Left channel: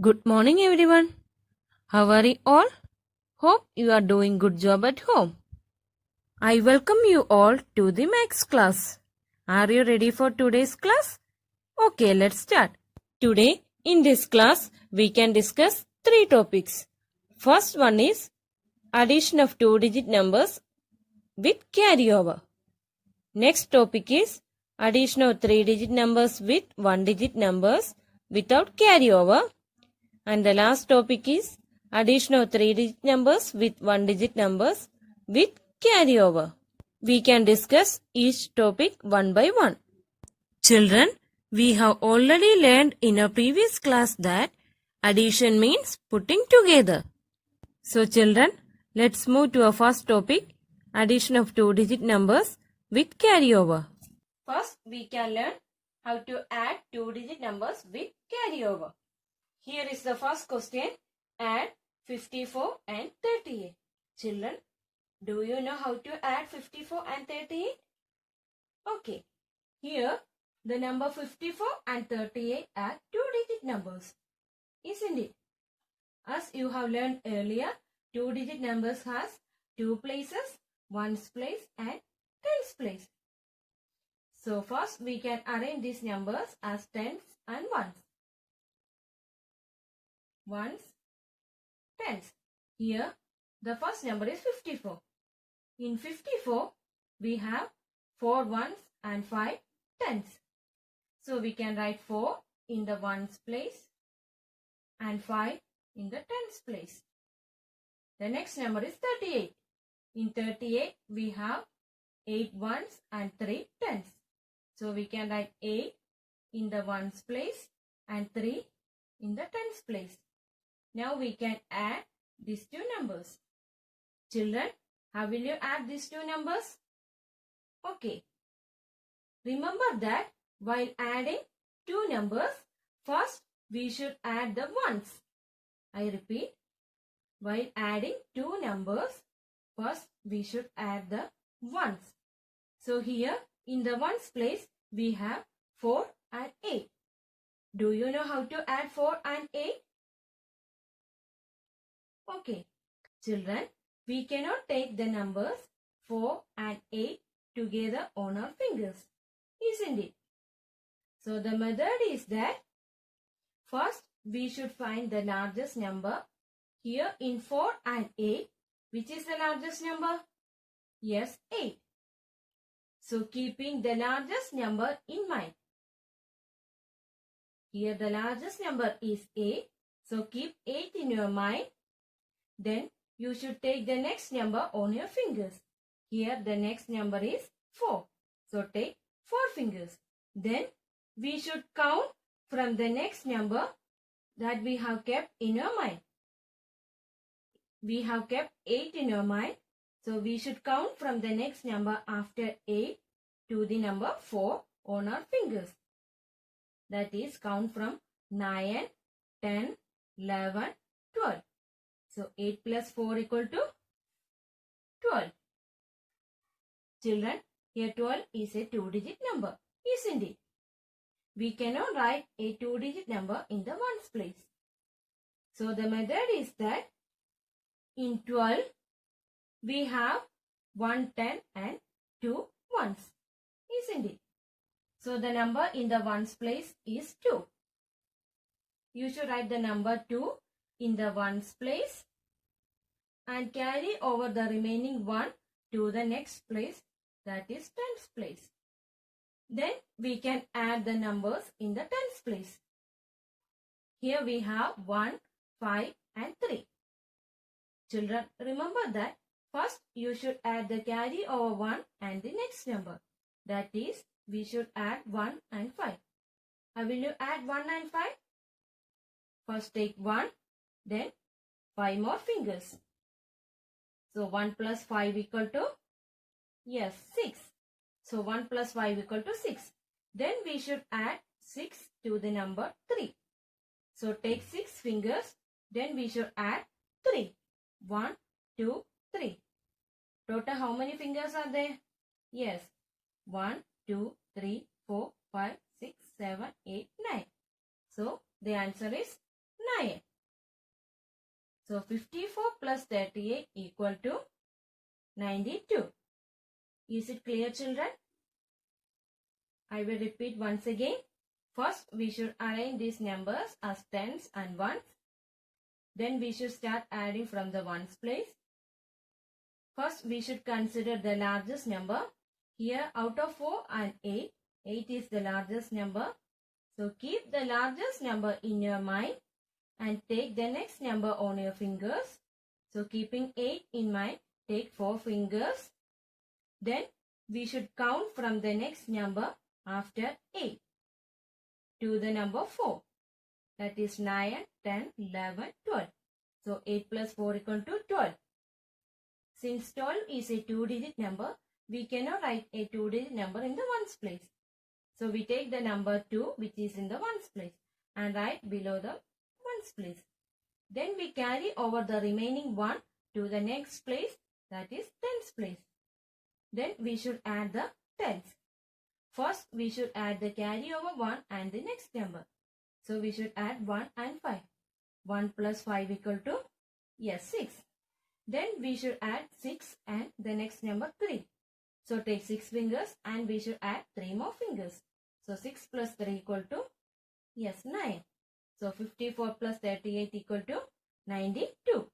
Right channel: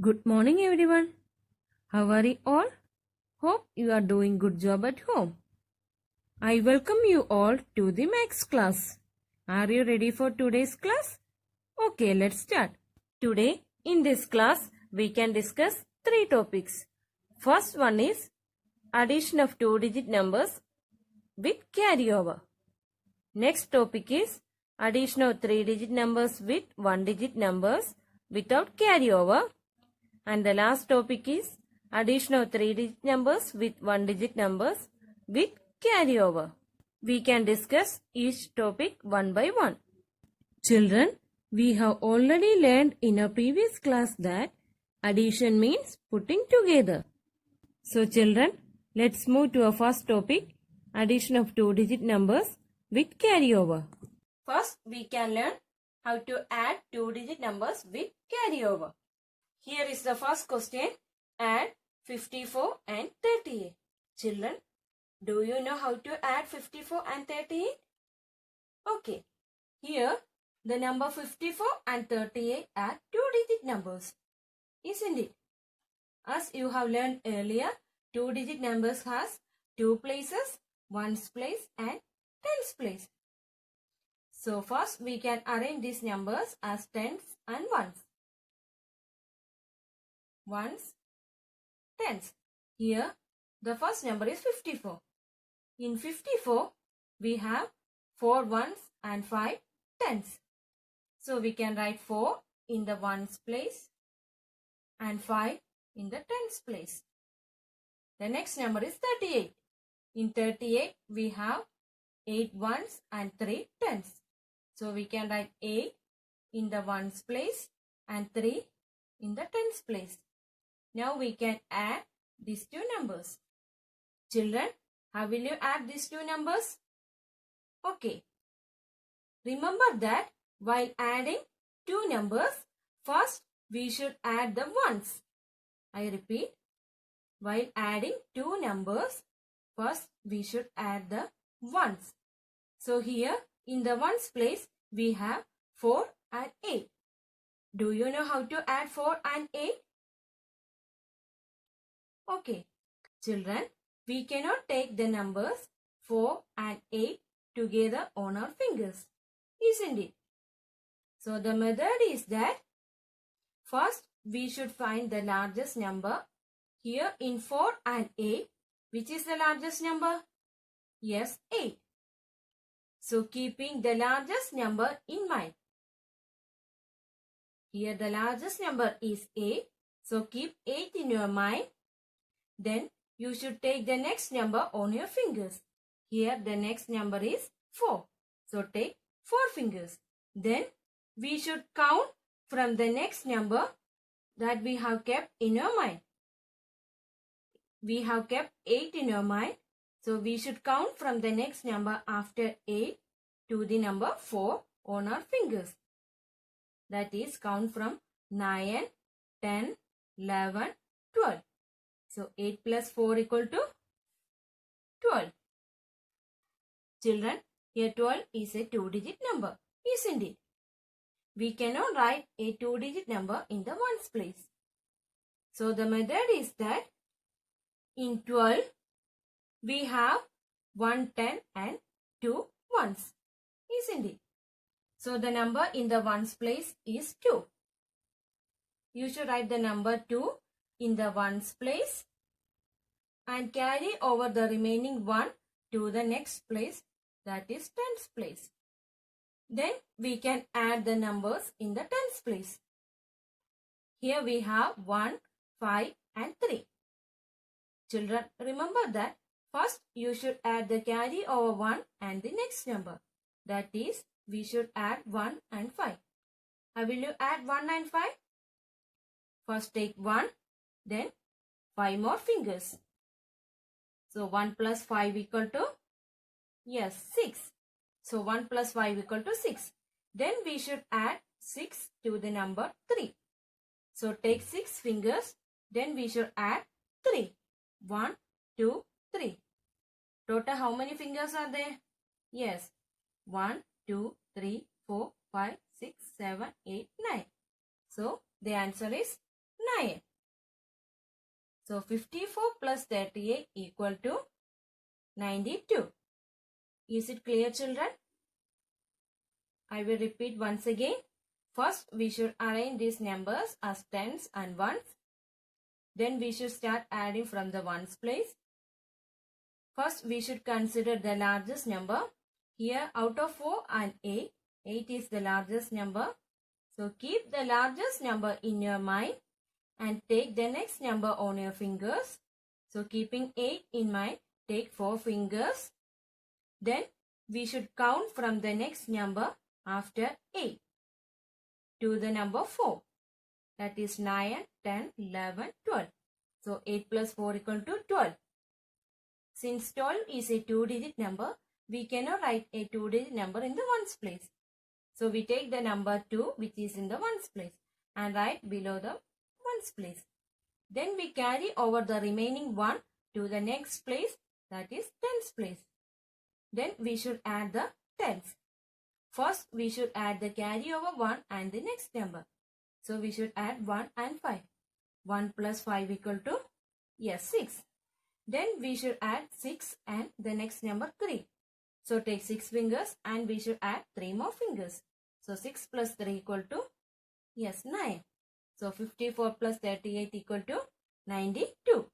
Good morning, everyone. How are you all? Hope you are doing good job at home. I welcome you all to the Max class. Are you ready for today's class? Okay, let's start. Today, in this class, we can discuss three topics. First one is addition of two-digit numbers with carryover. Next topic is addition of three-digit numbers with one-digit numbers without carryover. And the last topic is addition of three-digit numbers with one-digit numbers with carryover. We can discuss each topic one by one. Children, we have already learned in a previous class that addition means putting together. So children, let's move to our first topic, addition of two-digit numbers with carryover. First, we can learn how to add two-digit numbers with carryover. Here is the first question. Add 54 and 38. Children, do you know how to add 54 and 38? Okay. Here, the number 54 and 38 are two-digit numbers, isn't it? As you have learned earlier, two-digit numbers has two places, ones place and tens place. So first, we can arrange these numbers as tens and ones. Ones, tens. Here, the first number is 54. In 54, we have 4 ones and 5 tens. So, we can write 4 in the ones place and 5 in the tens place. The next number is 38. In 38, we have 8 ones and 3 tens. So, we can write 8 in the ones place and 3 in the tens place. Now we can add these two numbers. Children, how will you add these two numbers? Okay. Remember that while adding two numbers, first we should add the ones. I repeat, while adding two numbers, first we should add the ones. So here in the ones place, we have 4 and 8. Do you know how to add 4 and 8? Okay, children, we cannot take the numbers 4 and 8 together on our fingers, isn't it? So the method is that first we should find the largest number. Here in 4 and 8, which is the largest number? Yes, 8. So keeping the largest number in mind. Here the largest number is 8. So keep 8 in your mind. Then you should take the next number on your fingers. Here the next number is 4. So take 4 fingers. Then we should count from the next number that we have kept in our mind. We have kept 8 in our mind. So we should count from the next number after 8 to the number 4 on our fingers. That is count from 9, 10, 11, 12. So 8 plus 4 equal to 12. Children, here 12 is a two-digit number, isn't it? We cannot write a two-digit number in the ones place. So the method is that in 12, we have 1 10 and 2 ones, isn't it? So the number in the ones place is 2. You should write the number 2 in the ones place and carry over the remaining 1 to the next place, that is tens place. Then we can add the numbers in the tens place. Here we have 1, 5 and 3. Children, remember that first you should add the carry over 1 and the next number. That is, we should add 1 and 5. How will you add 1 and 5? First take 1, then 5 more fingers. So 1 plus 5 equal to, yes, 6. So 1 plus 5 equal to 6. Then we should add 6 to the number 3. So take 6 fingers. Then we should add 3. 1, 2, 3. Total how many fingers are there? Yes. 1, 2, 3, 4, 5, 6, 7, 8, 9. So the answer is 9. So 54 plus 38 equal to 92. Is it clear, children? I will repeat once again. First, we should arrange these numbers as tens and ones. Then we should start adding from the ones place. First, we should consider the largest number. Here, out of 4 and 8, 8 is the largest number. So, keep the largest number in your mind and take the next number on your fingers. So, keeping 8 in mind, take 4 fingers. Then, we should count from the next number after 8 to the number 4. That is 9, 10, 11, 12. So, 8 plus 4 equal to 12. Since 12 is a 2-digit number, we cannot write a 2-digit number in the ones place. So, we take the number 2 which is in the ones place and write below the ones place. Then we carry over the remaining 1 to the next place, that is tens place. Then we should add the tens. First, we should add the carry over 1 and the next number. So, we should add 1 and 5. 1 plus 5 equal to, 6. Then we should add 6 and the next number 3. So, take 6 fingers and we should add 3 more fingers. So, 6 plus 3 equal to, 9. So, 54 plus 38 equal to 92.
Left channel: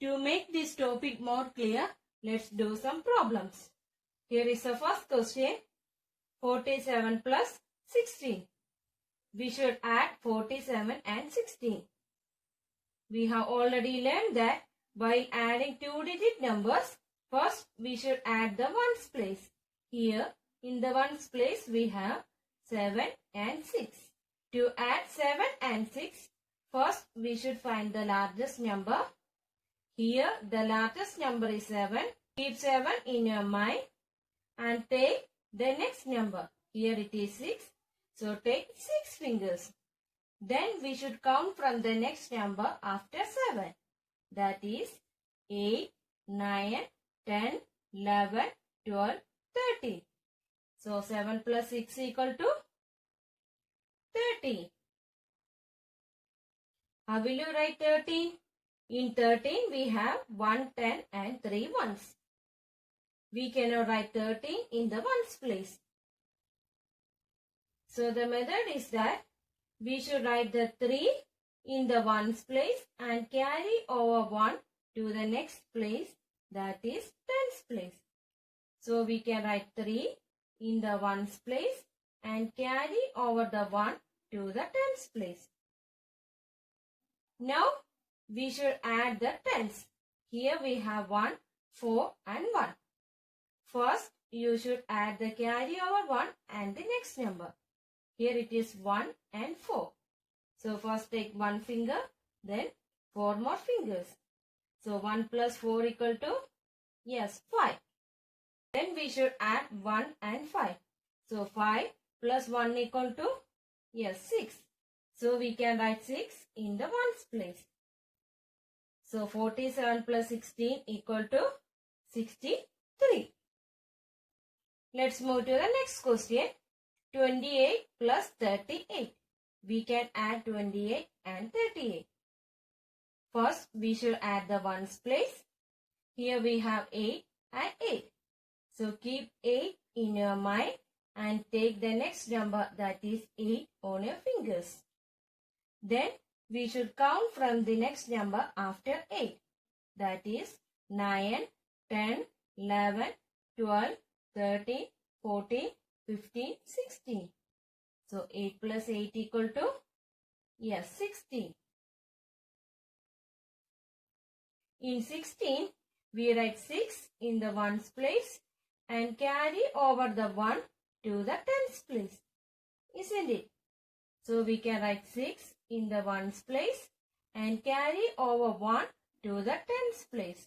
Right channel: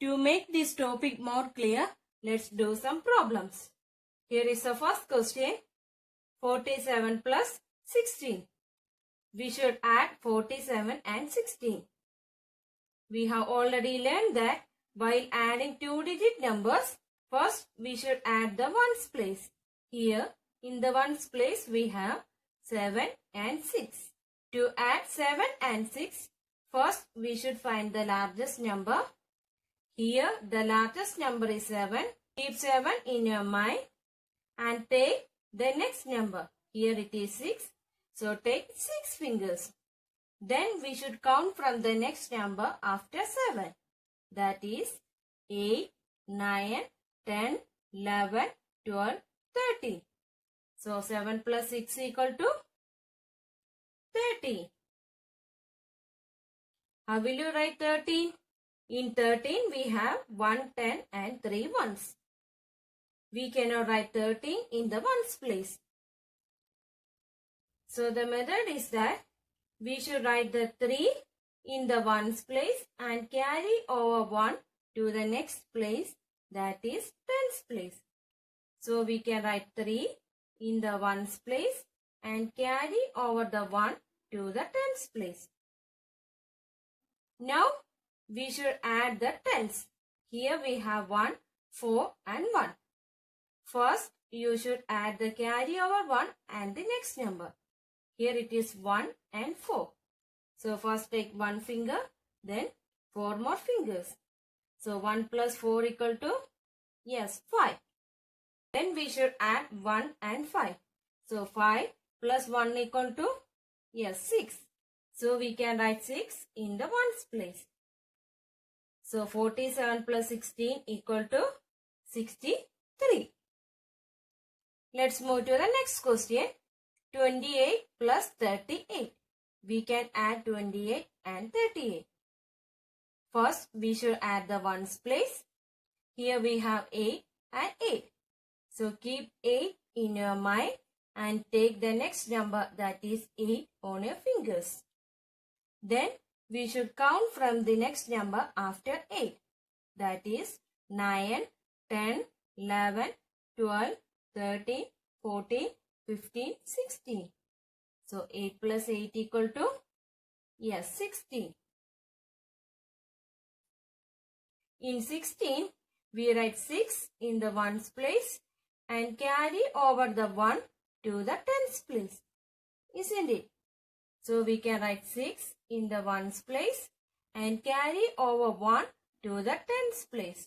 To make this topic more clear, let's do some problems. Here is the first question. 47 plus 16. We should add 47 and 16. We have already learned that while adding 2-digit numbers, first we should add the ones place. Here in the ones place we have 7 and 6. To add 7 and 6, first we should find the largest number. Here the largest number is 7. Keep 7 in your mind and take the next number. Here it is 6. So take 6 fingers. Then we should count from the next number after 7. That is 8, 9, 10, 11, 12, 13. So 7 plus 6 equal to 13. How will you write 13? In 13 we have 1, 10 and 3 ones. We cannot write 13 in the ones place. So the method is that we should write the 3 in the ones place and carry over 1 to the next place, that is tens place. So we can write 3 in the ones place and carry over the 1 to the tens place. Now we should add the tens. Here we have 1, 4 and 1. First you should add the carry over 1 and the next number. Here it is 1 and 4. So first take 1 finger, then 4 more fingers. So 1 plus 4 equal to, 5. Then we should add 1 and 5. So 5 plus 1 equal to, 6. So we can write 6 in the ones place. So 47 plus 16 equal to 63. Let's move to the next question. 28 plus 38. We can add 28 and 38. First, we should add the ones place. Here we have 8 and 8. So, keep 8 in your mind and take the next number, that is 8, on your fingers. Then, we should count from the next number after 8. That is 9, 10, 11, 12, 13, 14, 15, 16. So 8 plus 8 equal to, 16. In 16, we write 6 in the ones place and carry over the 1 to the tens place. Isn't it? So we can write 6 in the ones place and carry over 1 to the tens place.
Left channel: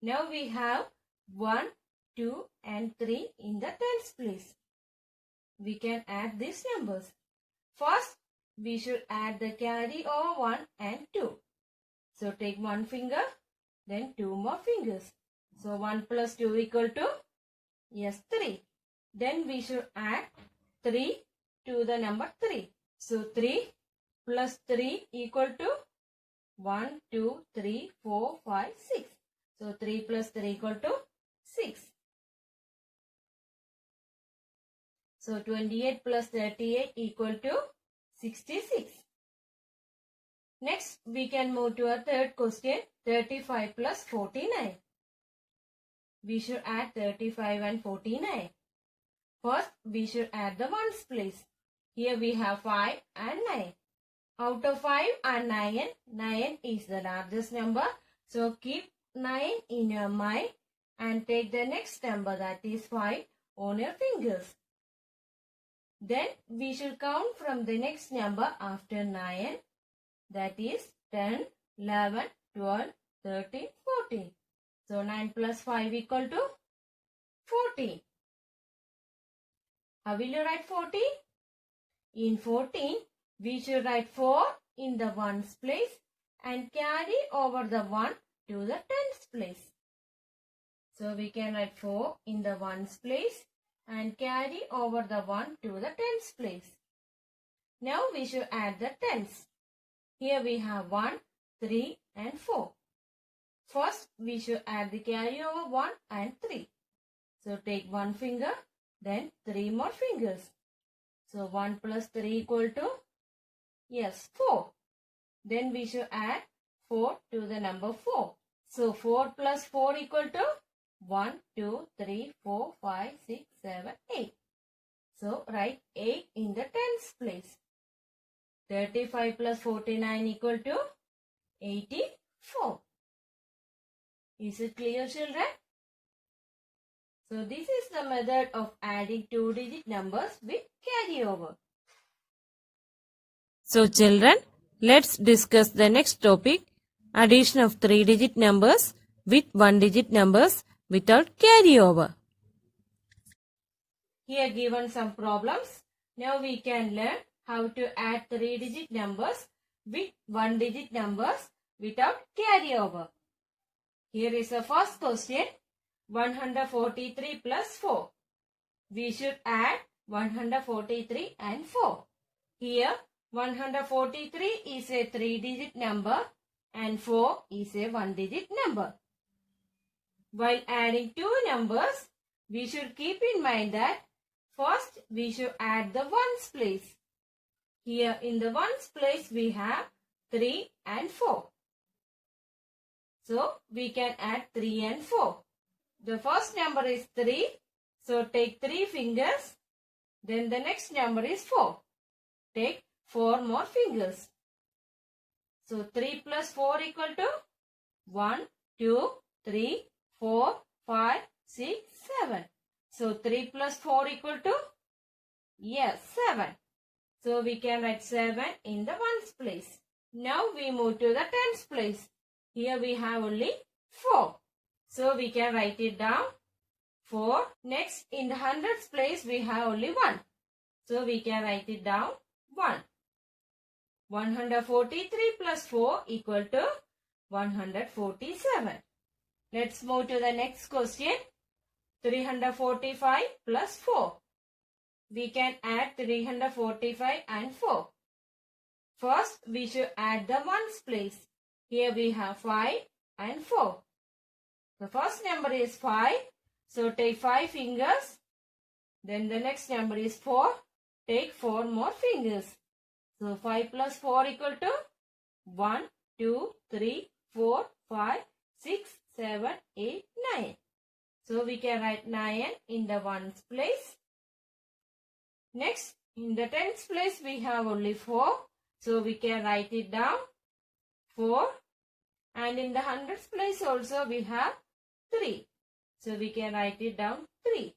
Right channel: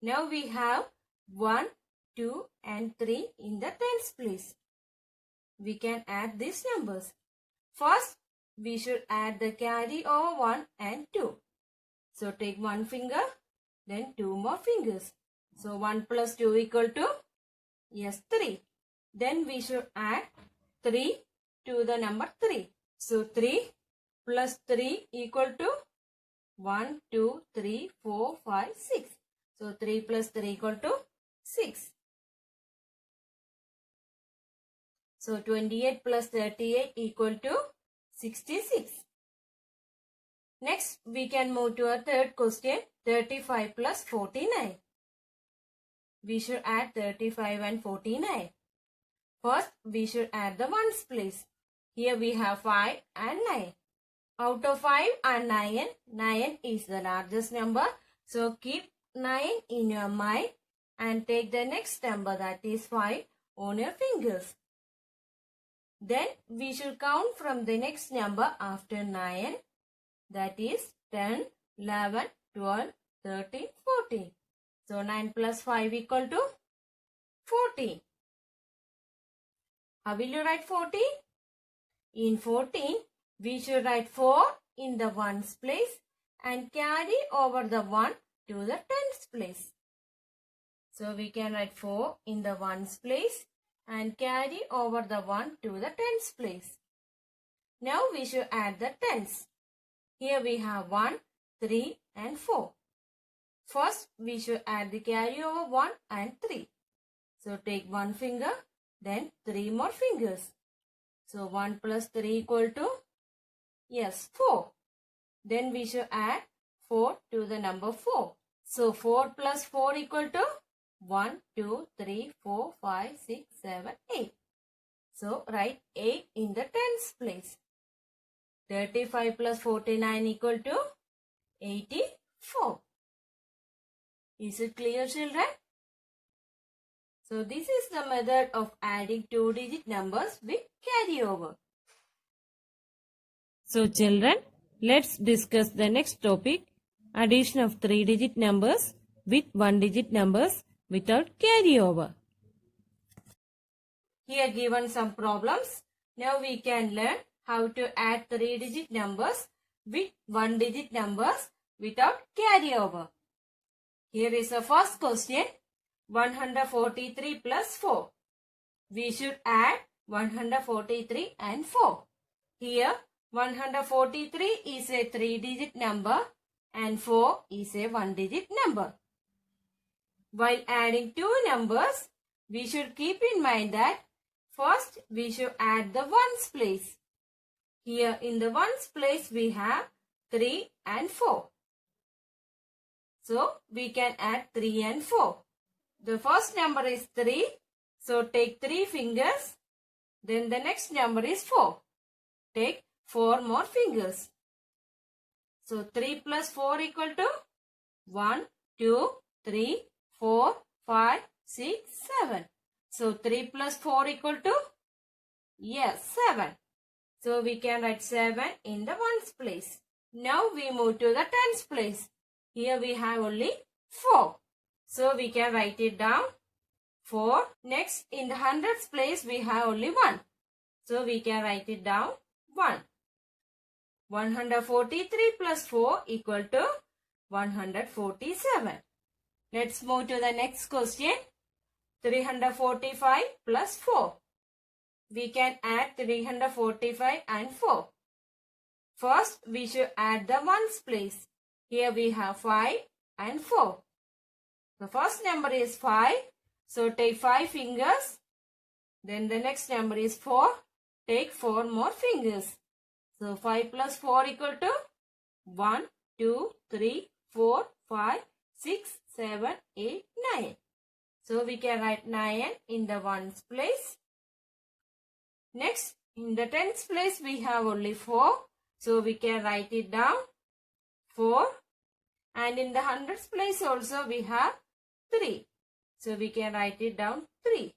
Now we have 1, 2 and 3 in the tens place. We can add these numbers. First, we should add the carry over 1 and 2. So take 1 finger, then 2 more fingers. So 1 plus 2 equal to, 3. Then we should add 3 to the number 3. So 3 plus 3 equal to 1, 2, 3, 4, 5, 6. So 3 plus 3 equal to 6. So 28 plus 38 equal to 66. Next, we can move to our third question, 35 plus 49. We should add 35 and 49. First, we should add the ones place. Here we have 5 and 9. Out of 5 and 9, 9 is the largest number. So keep 9 in your mind and take the next number, that is 5, on your fingers. Then we should count from the next number after 9. That is 10, 11, 12, 13, 14. So 9 plus 5 equal to 14. How will you write 14? In 14, we should write 4 in the ones place and carry over the 1 to the tens place. So we can write 4 in the ones place and carry over the 1 to the tens place. Now we should add the tens. Here we have 1, 3 and 4. First, we should add the carry over 1 and 3. So take one finger, then 3 more fingers. So 1 plus 3 equal to, yes, 4. Then we should add 4 to the number 4. So 4 plus 4 equal to 1, 2, 3, 4, 5, 6, 7, 8. So write 8 in the tens place. 35 plus 49 equal to 84. Is it clear, children? So this is the method of adding 2-digit numbers with carryover. So children, let's discuss the next topic, addition of 3-digit numbers with 1-digit numbers without carryover. Here given some problems. Now we can learn how to add 3-digit numbers with 1-digit numbers without carryover. Here is the first question, 143 plus 4. We should add 143 and 4. Here 143 is a 3-digit number and 4 is a 1-digit number. While adding two numbers, we should keep in mind that first we should add the ones place. Here in the ones place we have 3 and 4. So we can add 3 and 4. The first number is 3. So take 3 fingers. Then the next number is 4. Take 4 more fingers. So 3 plus 4 equal to 1, 2, 3, 4, 5, 6, 7. So 3 plus 4 equal to, yes, 7. So we can write 7 in the ones place. Now we move to the tens place. Here we have only 4. So we can write it down 4. Next in the hundreds place we have only 1. So we can write it down 1. 143 plus 4 equal to 147. Let's move to the next question. 345 plus 4. We can add 345 and 4. First, we should add the ones place. Here we have 5 and 4. The first number is 5. So take 5 fingers. Then the next number is 4. Take 4 more fingers. So 5 plus 4 equal to 1, 2, 3, 4, 5, 6, 7, 8, 9. So we can write 9 in the ones place. Next, in the tens place we have only 4. So we can write it down 4. And in the hundreds place also we have 3. So we can write it down 3.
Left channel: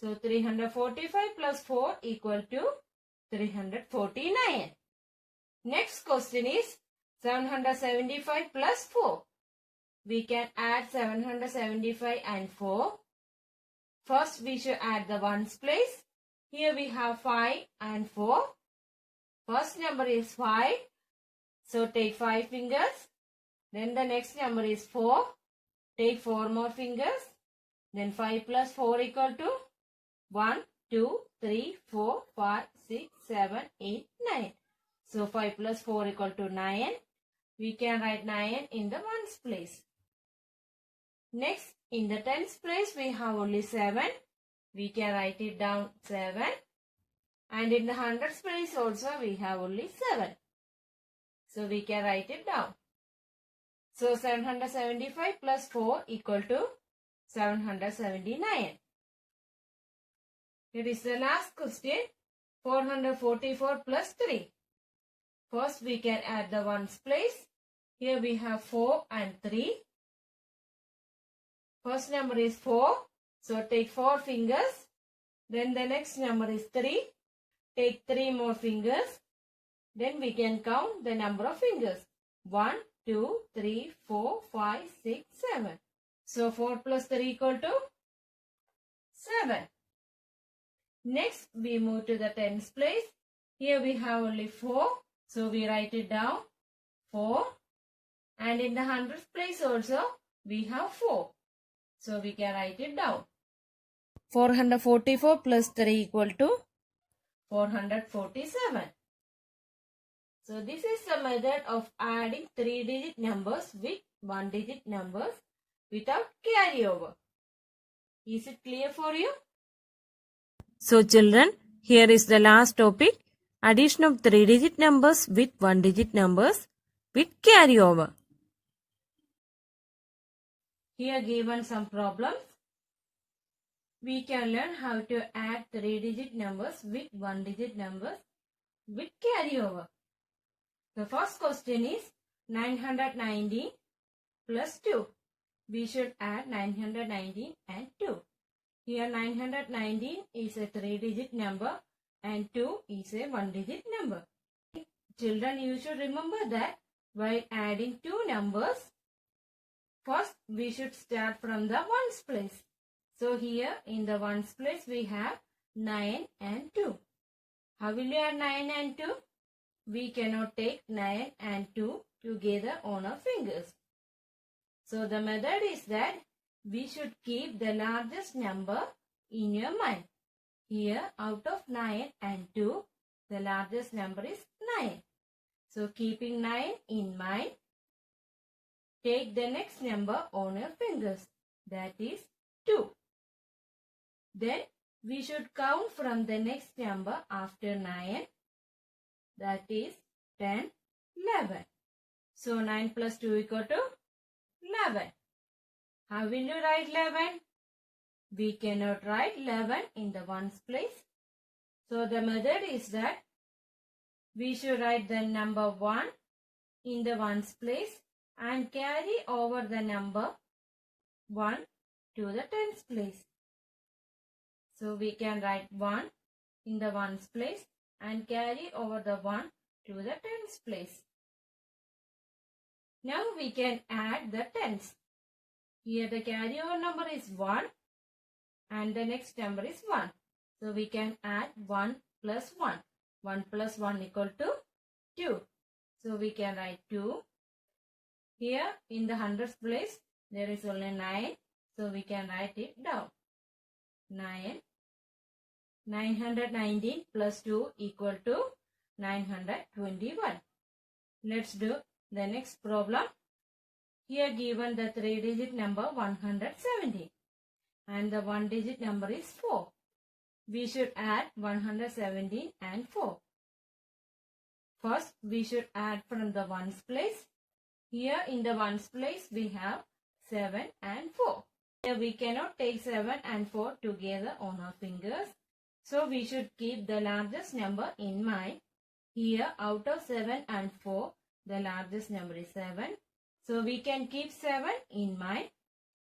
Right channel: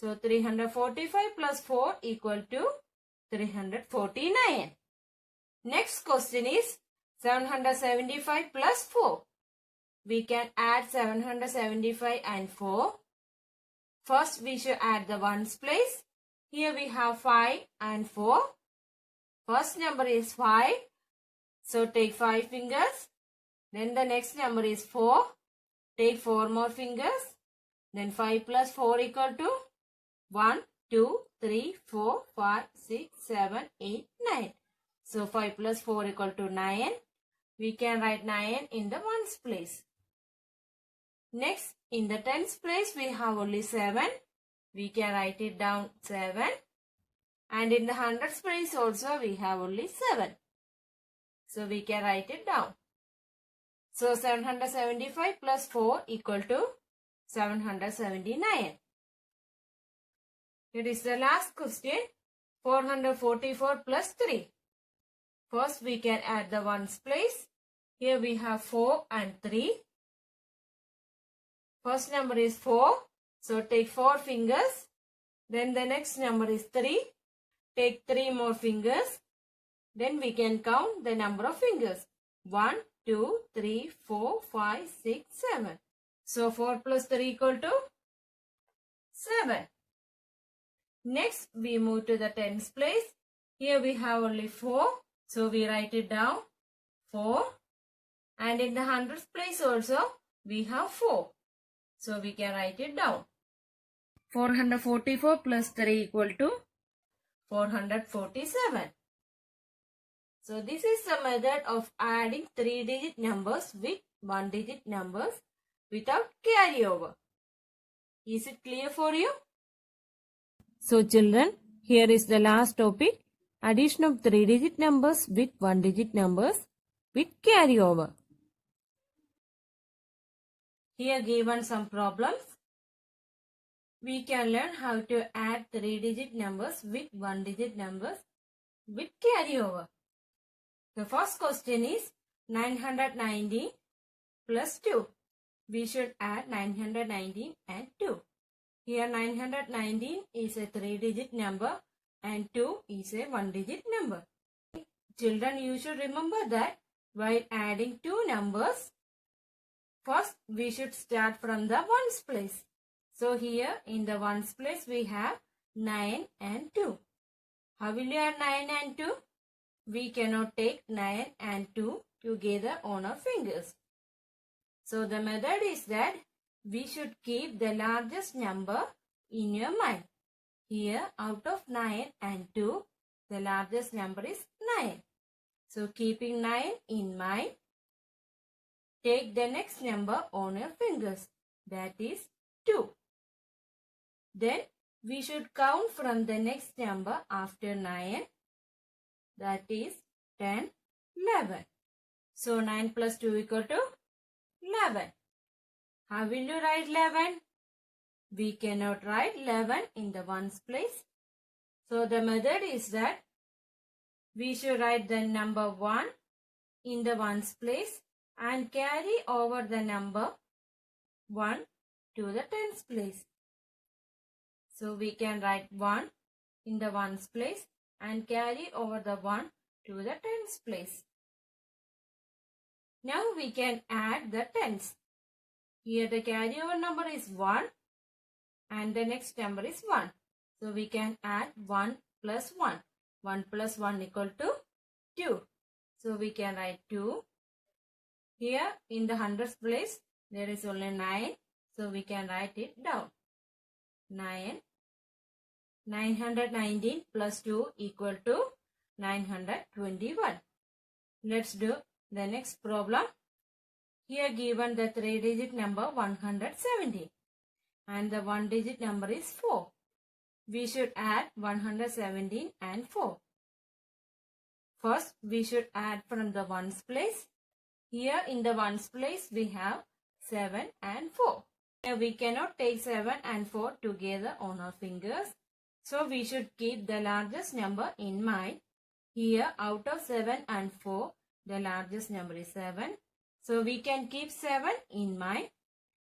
So 345 plus 4 equal to 349. Next question is 775 plus 4. We can add 775 and 4. First we should add the ones place. Here we have 5 and 4. First number is 5. So take 5 fingers. Then the next number is 4. Take 4 more fingers. Then 5 plus 4 equal to 1, 2, 3, 4, 5, 6, 7, 8, 9. So 5 plus 4 equal to 9. We can write 9 in the ones place. Next, in the tens place, we have only 7. We can write it down 7. And in the hundreds place also, we have only 7. So we can write it down. So 775 plus 4 equal to 779. It is the last question. 444 plus 3. First we can add the ones place. Here we have 4 and 3. First number is 4. So take 4 fingers. Then the next number is 3. Take 3 more fingers. Then we can count the number of fingers. 1, 2, 3, 4, 5, 6, 7. So 4 plus 3 equal to 7. Next we move to the tens place. Here we have only 4. So we write it down 4. And in the hundreds place also we have 4. So we can write it down. 444 plus 3 equal to 447. So this is the method of adding 3-digit numbers with 1-digit numbers without carryover. Is it clear for you? So children, here is the last topic. Addition of 3-digit numbers with 1-digit numbers with carryover. Here given some problems. We can learn how to add 3-digit numbers with 1-digit numbers with carryover. The first question is 919 plus 2. We should add 919 and 2. Here 919 is a 3-digit number and 2 is a 1-digit number. Children, you should remember that while adding two numbers, first we should start from the ones place. So here in the ones place we have 9 and 2. How will you add 9 and 2? We cannot take 9 and 2 together on our fingers. So the method is that we should keep the largest number in your mind. Here out of 9 and 2, the largest number is 9. So keeping 9 in mind, take the next number on your fingers. That is 2. Then we should count from the next number after 9. That is 10, 11. So 9 plus 2 equal to 11. How will you write 11? We cannot write 11 in the ones place. So the method is that we should write the number 1 in the ones place and carry over the number 1 to the tens place. So we can write 1 in the ones place and carry over the 1 to the tens place. Now we can add the tens. Here the carryover number is 1 and the next number is 1. So we can add 1 plus 1. 1 plus 1 equal to 2. So we can write 2. Here in the hundreds place there is only 9. So we can write it down. 9. 919 plus 2 equal to 921. Let's do the next problem. Here given the 3-digit number 170 and the 1-digit number is 4. We should add 117 and 4. First we should add from the ones place. Here in the ones place we have 7 and 4. Here we cannot take 7 and 4 together on our fingers. So we should keep the largest number in mind. Here out of 7 and 4, the largest number is 7. So we can keep 7 in mind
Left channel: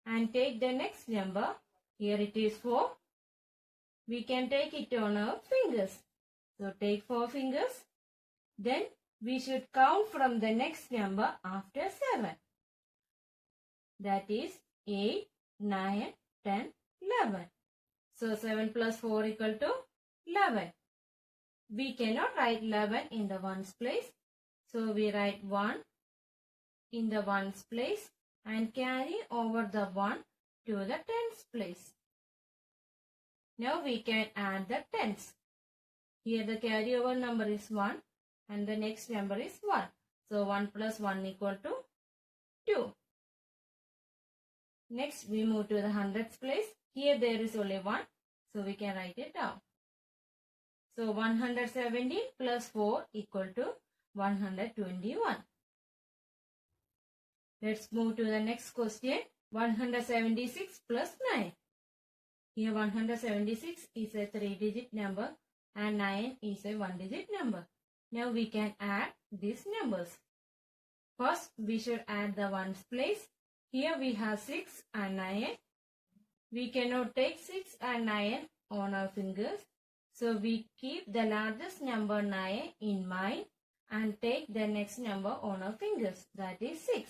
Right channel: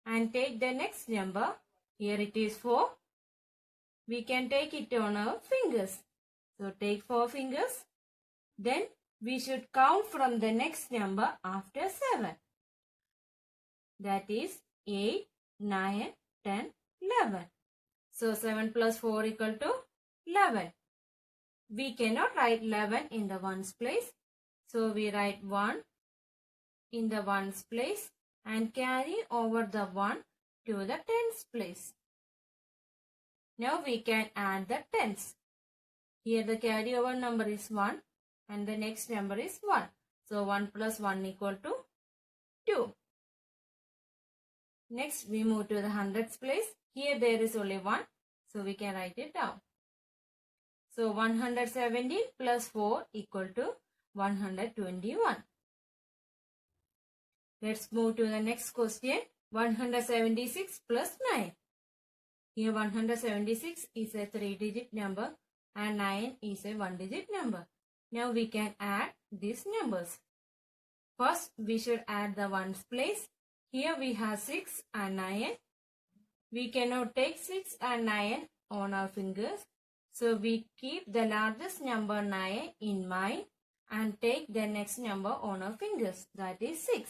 and take the next number. Here it is 4. We can take it on our fingers. So take 4 fingers. Then we should count from the next number after 7. That is 8, 9, 10, 11. So 7 plus 4 equal to 11. We cannot write 11 in the ones place. So we write 1 in the ones place and carry over the 1 to the tens place. Now we can add the tens. Here the carryover number is 1 and the next number is 1. So 1 plus 1 equal to 2. Next we move to the hundreds place. Here there is only 1. So we can write it down. So 170 plus 4 equal to 121. Let's move to the next question. 176 plus 9. Here 176 is a 3-digit number and 9 is a 1-digit number. Now we can add these numbers. First we should add the ones place. Here we have 6 and 9. We cannot take 6 and 9 on our fingers. So we keep the largest number 9 in mind and take the next number on our fingers, that is 6.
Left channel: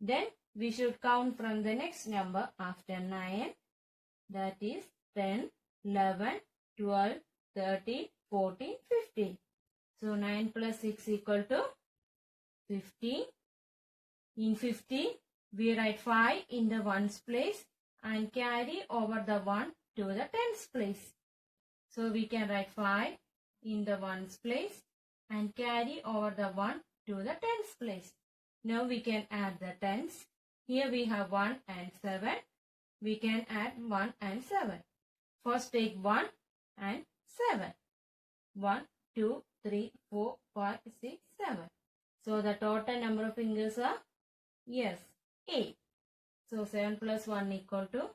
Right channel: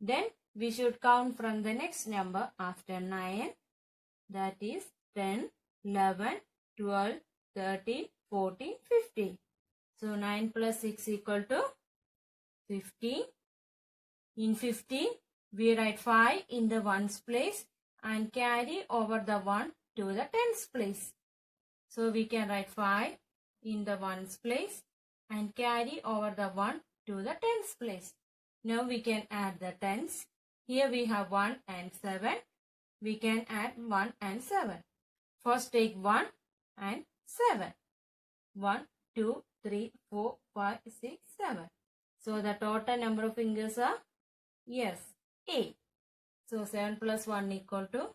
Then we should count from the next number after 9, that is 10, 11, 12, 13, 14, 15. So 9 plus 6 equal to 15. In 15, we write 5 in the ones place and carry over the 1 to the tens place. So we can write 5 in the ones place and carry over the 1 to the tens place. Now we can add the tens. Here we have 1 and 7. We can add 1 and 7. First take 1 and 7. 1, 2, 3, 4, 5, 6, 7. So the total number of fingers are, yes, 8. So 7 plus 1 equal to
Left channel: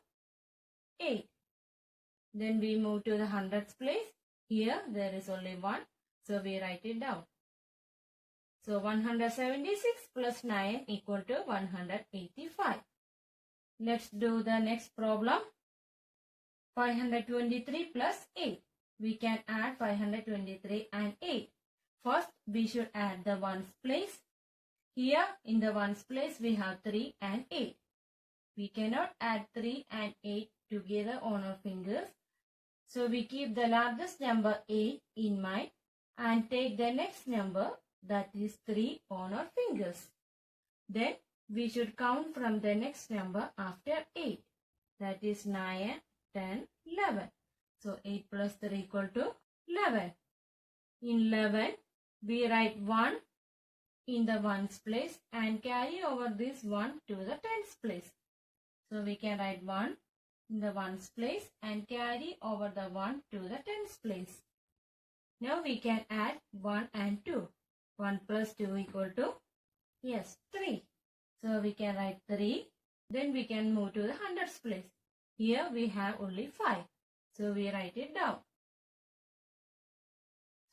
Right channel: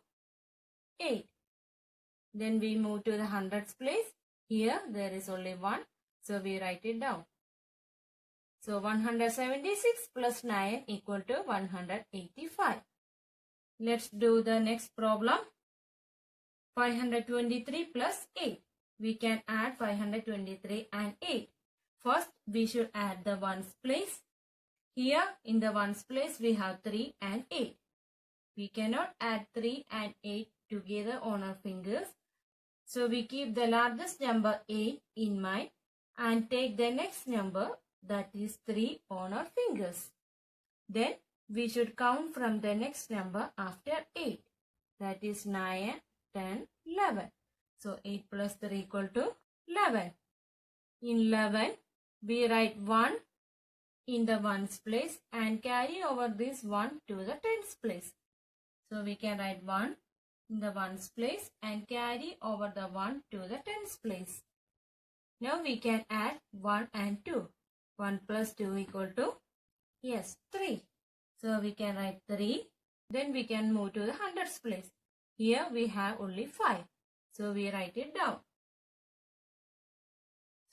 8. Then we move to the hundreds place. Here there is only 1. So we write it down. So 176 plus 9 equal to 185. Let's do the next problem. 523 plus 8. We can add 523 and 8. First we should add the ones place. Here in the ones place we have 3 and 8. We cannot add 3 and 8 together on our fingers. So we keep the largest number 8 in mind and take the next number, that is 3, on our fingers. Then we should count from the next number after 8. That is 9, 10, 11. So 8 plus 3 equal to 11. In 11, we write 1 in the ones place and carry over this 1 to the tens place. So we can write 1 in the ones place and carry over the 1 to the tens place. Now we can add 1 and 2. 1 plus 2 equal to, yes, 3. So we can write 3. Then we can move to the hundreds place. Here we have only 5. So we write it down.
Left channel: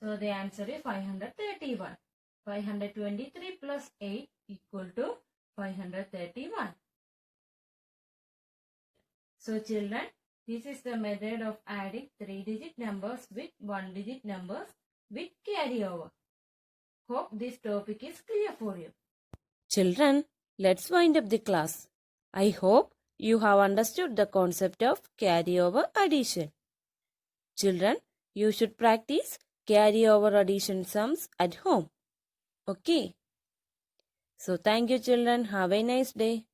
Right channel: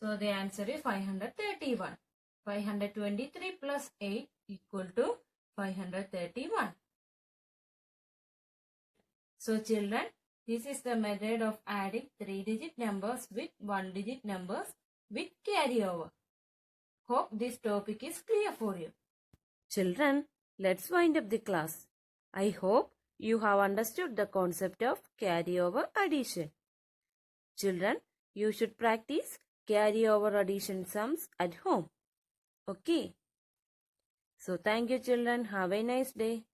So the answer is 531. 523 plus 8 equal to 531. So children, this is the method of adding 3-digit numbers with 1-digit numbers with carryover. Hope this topic is clear for you. Children, let's wind up the class. I hope you have understood the concept of carryover addition. Children, you should practice carryover addition sums at home. Okay. So thank you children. Have a nice day.